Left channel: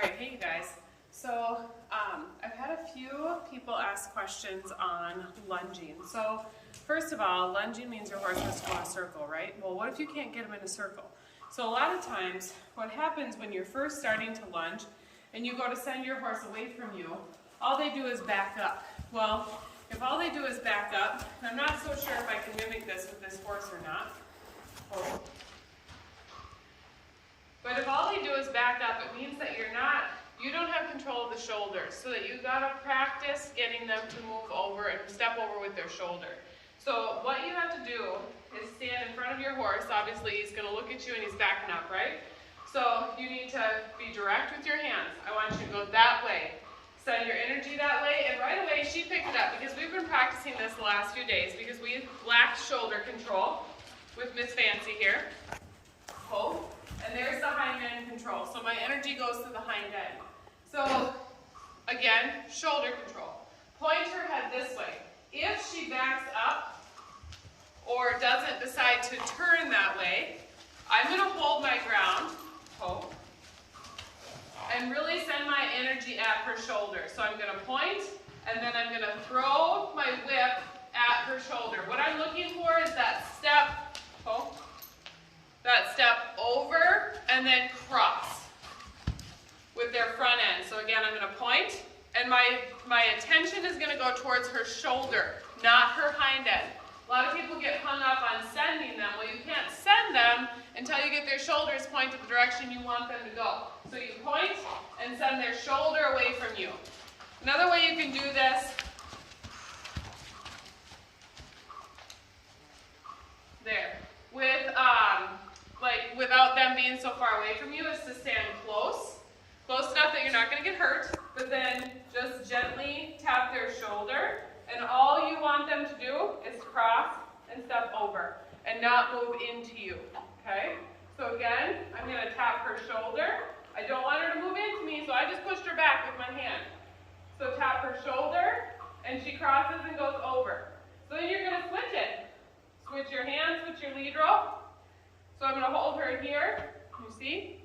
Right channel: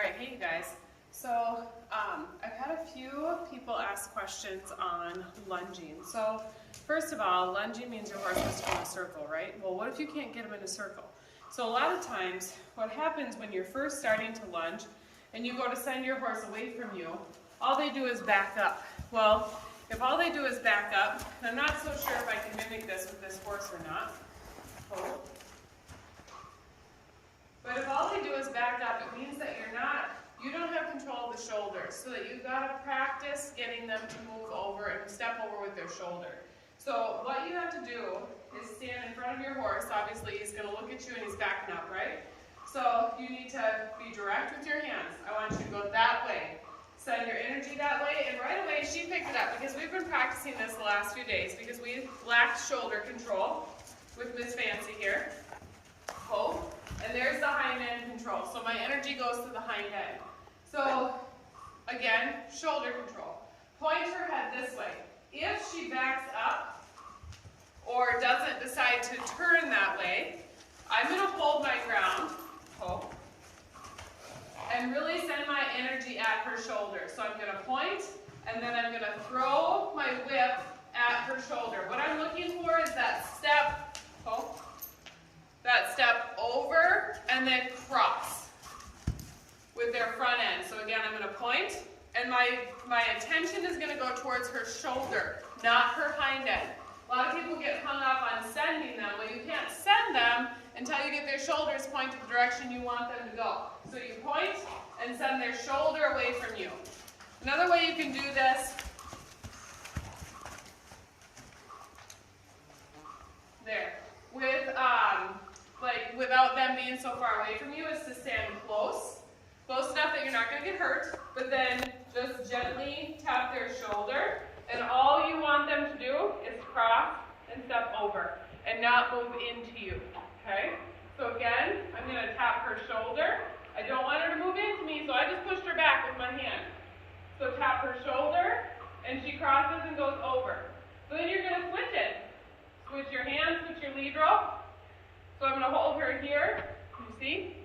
Alright, hey you guys. So I've had a few people ask questions on lunging. So first of all, lunging means your horse has to go in a circle, right? Well, what if you can't get him in a circle? So a lot of times what happens when you're first starting to lunge and you go to send your horse away from you, all they do is back up. Well, if all they do is back up, and I'm not so sure if I can mimic this with this horse or not. But if all they do is back up, it means that you don't have control of the shoulders, so that you've got to practice getting them to move over and step over with their shoulder. So what you have to do is stand in front of your horse. Obviously he's going to look at you and he's backing up, right? So you need to be direct with your hands. I want you to go that way. Send your energy that way, and right away she picked it up because we've been practicing this the last few days because we lacked shoulder control with Miss Fancy here. Hold. And there's the hind end control. So my energy goes to the hind end. So again, shoulder control. Point her head this way. If she backs up or doesn't decide to turn that way, I'm going to hold my ground, and really send my energy at her shoulder. So I'm going to point, and then I'm going to throw my whip at her shoulder. What I'm looking for is that step, over and then cross with their front end. So again, I'm going to point, and my attention is going to go towards her shoulder, not her hind end. A lot of people get hung up on sending them. Well, you can't send them until you get their shoulders pointed the direction you want them to go. So you point and send their shoulder away from you. Another way you can do this, without them being so far away from you, is to stand close enough that you're not going to get hurt, but then just gently tap their shoulder, and all you want them to do is cross and step over and not move into you, okay? So again, I'm going to tap her shoulder. I don't want her to move into me, so I just pushed her back with my hand. So tap her shoulder, and she crosses and goes over. So then you're going to switch it. Switch your hands, switch your lead rope. So I'm going to hold her here, you see?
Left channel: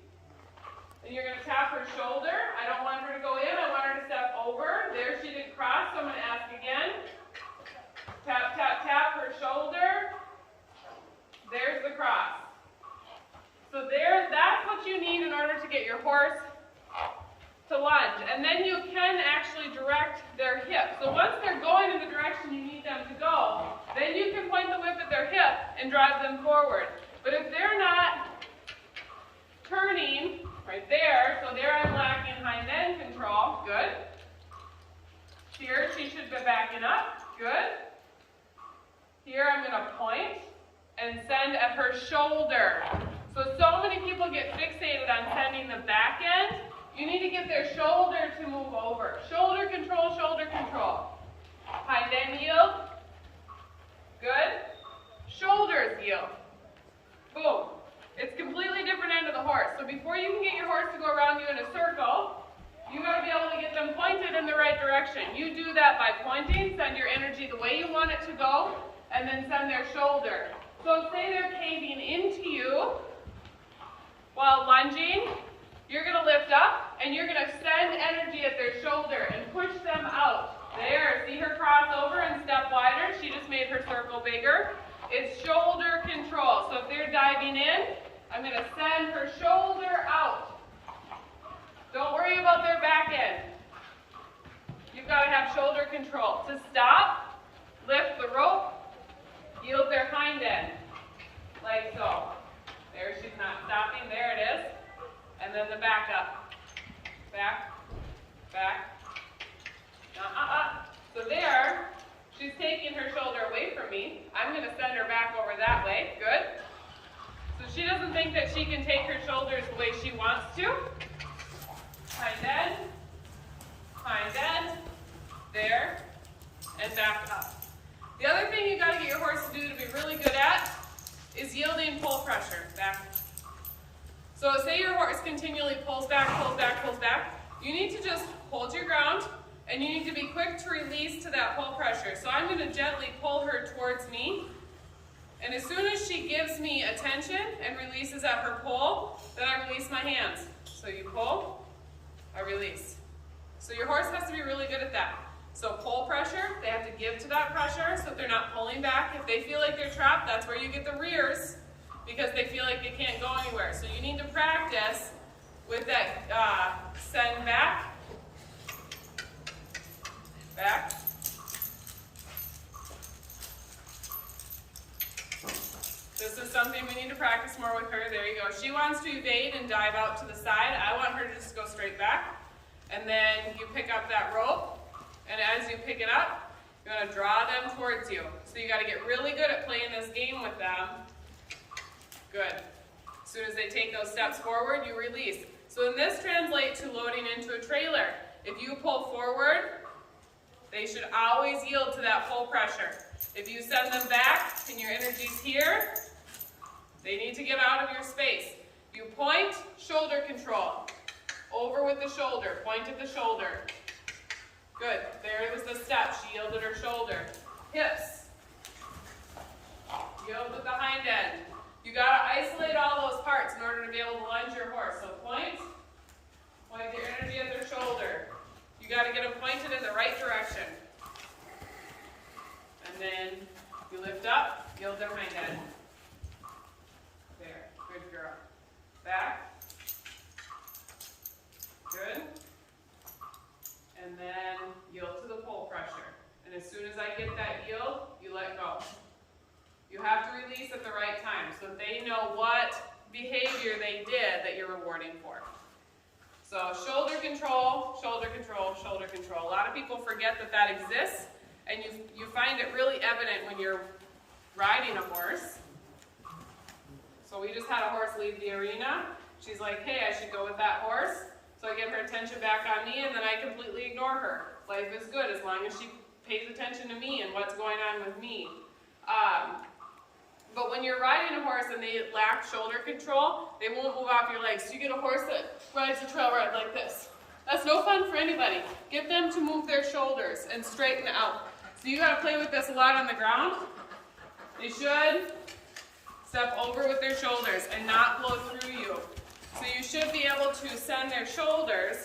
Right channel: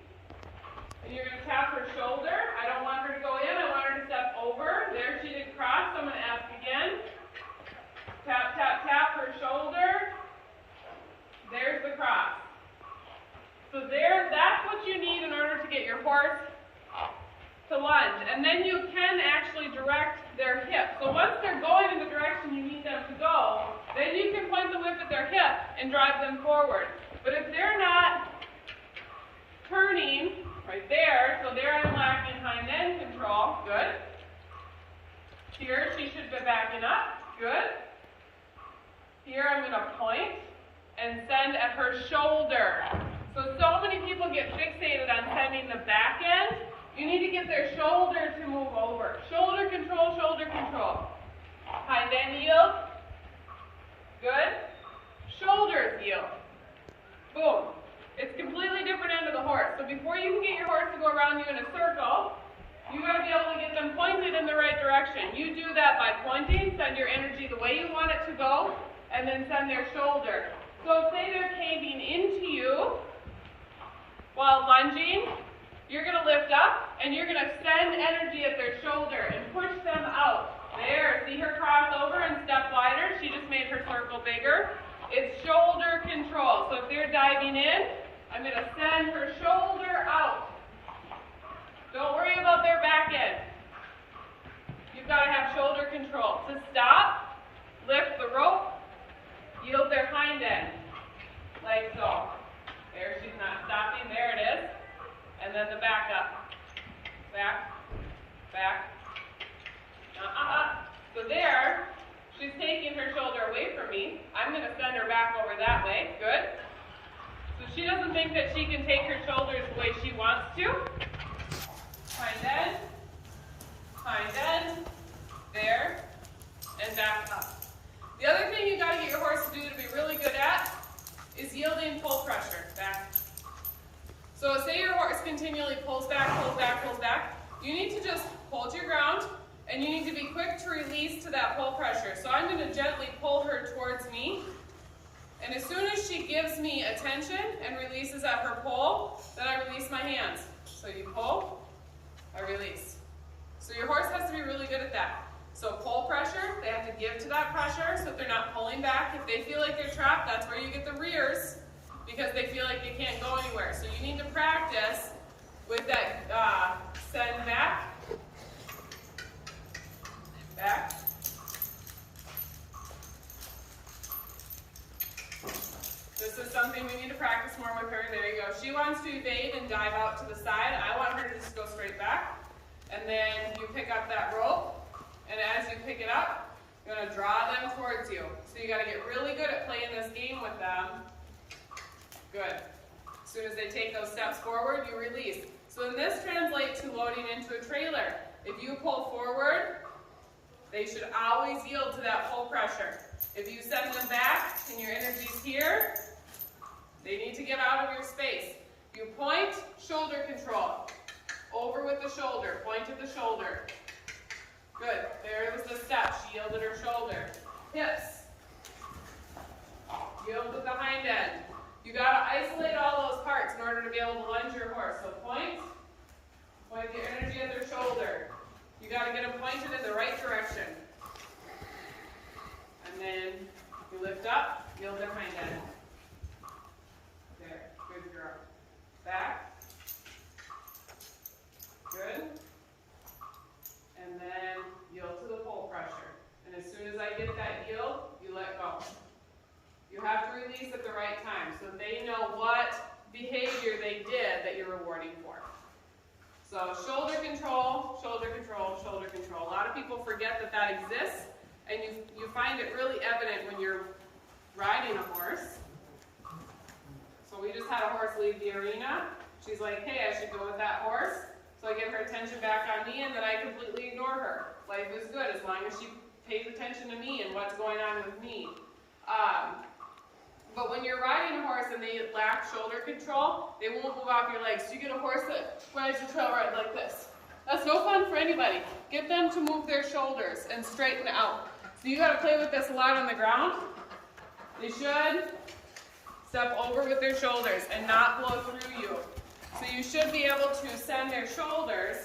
And you're going to tap her shoulder. I don't want her to go in, I want her to step over. There, she didn't cross, so I'm going to ask again. Tap, tap, tap her shoulder. There's the cross. So that's what you need in order to get your horse to lunge. And then you can actually direct their hip. So once they're going in the direction you need them to go, then you can point the whip at their hip and drive them forward. But if they're not turning right there, so there I'm lacking hind end control, good. Here she should be backing up, good. Here I'm going to point and send at her shoulder. So many people get fixated on sending the back end. You need to get their shoulder to move over. Shoulder control, shoulder control. Hind end yield. Good. Shoulders yield. Boom. It's completely different end of the horse. So before you can get your horse to go around you in a circle, you got to be able to get them pointed in the right direction. You do that by pointing, send your energy the way you want it to go, and then send their shoulder. So say they're caving into you while lunging, you're going to lift up and you're going to send energy at their shoulder and push them out. There, see her cross over and step wider? She just made her circle bigger. It's shoulder control. So if they're diving in, I'm going to send her shoulder out. Don't worry about their back end. You've got to have shoulder control. To stop, lift the rope, yield their hind end, like so. There, she's not stopping. There it is. And then the back up. Back, back. So there, she's taking her shoulder away from me. I'm going to send her back over that way. Good. So she doesn't think that she can take her shoulders the way she wants to. Hind end, there, and back up. The other thing you got to get your horse to do to be really good at is yielding pull pressure. Back. So say your horse continually pulls back, pulls back, pulls back. You need to just hold your ground, and you need to be quick to release to that pull pressure. So I'm going to gently pull her towards me. And as soon as she gives me attention and releases at her pull, then I release my hands. So you pull, a release. So your horse has to be really good at that. So pull pressure, they have to give to that pressure so that they're not pulling back. If they feel like they're trapped, that's where you get the rears, because they feel like they can't go anywhere. So you need to practice with that send back, back. This is something we need to practice more with her. There you go. She wants to evade and dive out to the side. I want her to just go straight back. And then you pick up that rope. And as you pick it up, you're going to draw them towards you. So you got to get really good at playing this game with them. Good. As soon as they take those steps forward, you release. So then this translates to loading into a trailer. If you pull forward, they should always yield to that pull pressure. If you send them back and your energy's here, they need to get out of your space. You point, shoulder control. Over with the shoulder, point at the shoulder. Good, there was the step, she yielded her shoulder. Hips, yield with the hind end. You gotta isolate all those parts in order to be able to lunge your horse. So point your energy at their shoulder. You gotta get them pointed in the right direction. And then you lift up, yield their hind end. There, good girl. Back. Good. And then yield to the pull pressure. And as soon as I get that yield, you let go. You have to release at the right time so that they know what behavior they did that you're rewarding for. So shoulder control, shoulder control, shoulder control. A lot of people forget that that exists, and you find it really evident when you're riding a horse. So we just had a horse leave the arena. She's like, hey, I should go with that horse. So I get her attention back on me, and then I completely ignore her. Life is good as long as she pays attention to me and what's going on with me. But when you're riding a horse and they lack shoulder control, they won't move off your legs. So you get a horse that rides the trail ride like this. That's no fun for anybody. Get them to move their shoulders and straighten out. So you got to play with this a lot on the ground. They should step over with their shoulders and not blow through you. So you should be able to send their shoulders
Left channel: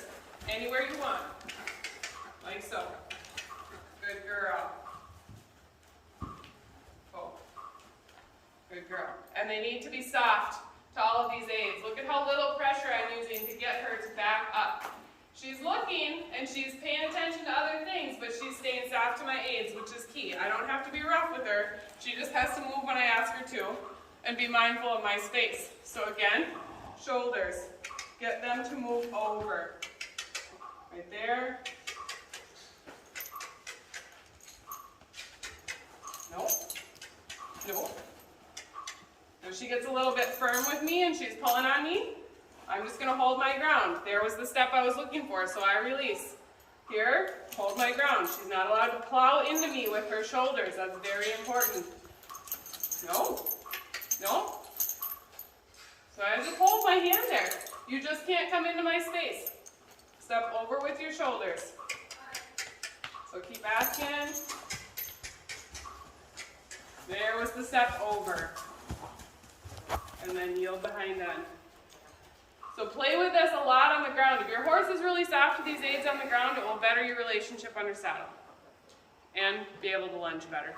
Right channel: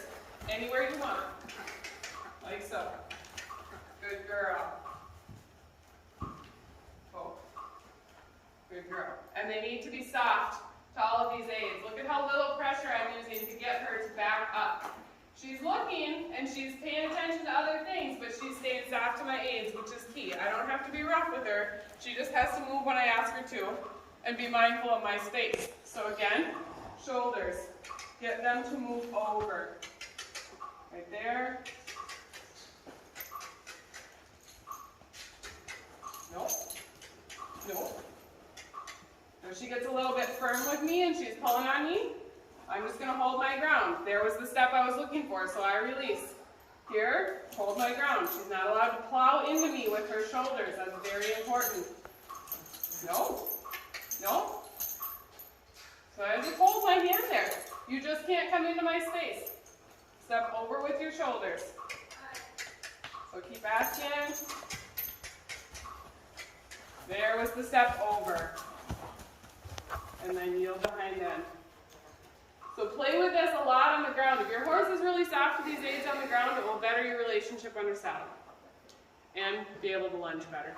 anywhere you want, like so. Good girl. Oh. Good girl. And they need to be soft to all of these aids. Look at how little pressure I'm using to get her to back up. She's looking and she's paying attention to other things, but she's staying soft to my aids, which is key. I don't have to be rough with her. She just has to move when I ask her to and be mindful of my space. So again, shoulders. Get them to move over. Right there. Nope. Nope. If she gets a little bit firm with me and she's pulling on me, I'm just going to hold my ground. There was the step I was looking for, so I release. Here, hold my ground. She's not allowed to plow into me with her shoulders. That's very important. No. No. So I just hold my hand there. You just can't come into my space. Step over with your shoulders. So keep asking. There was the step over. And then yield the hind end. So play with this a lot on the ground. If your horse is really soft with these aids on the ground, it will better your relationship under saddle and be able to lunge better.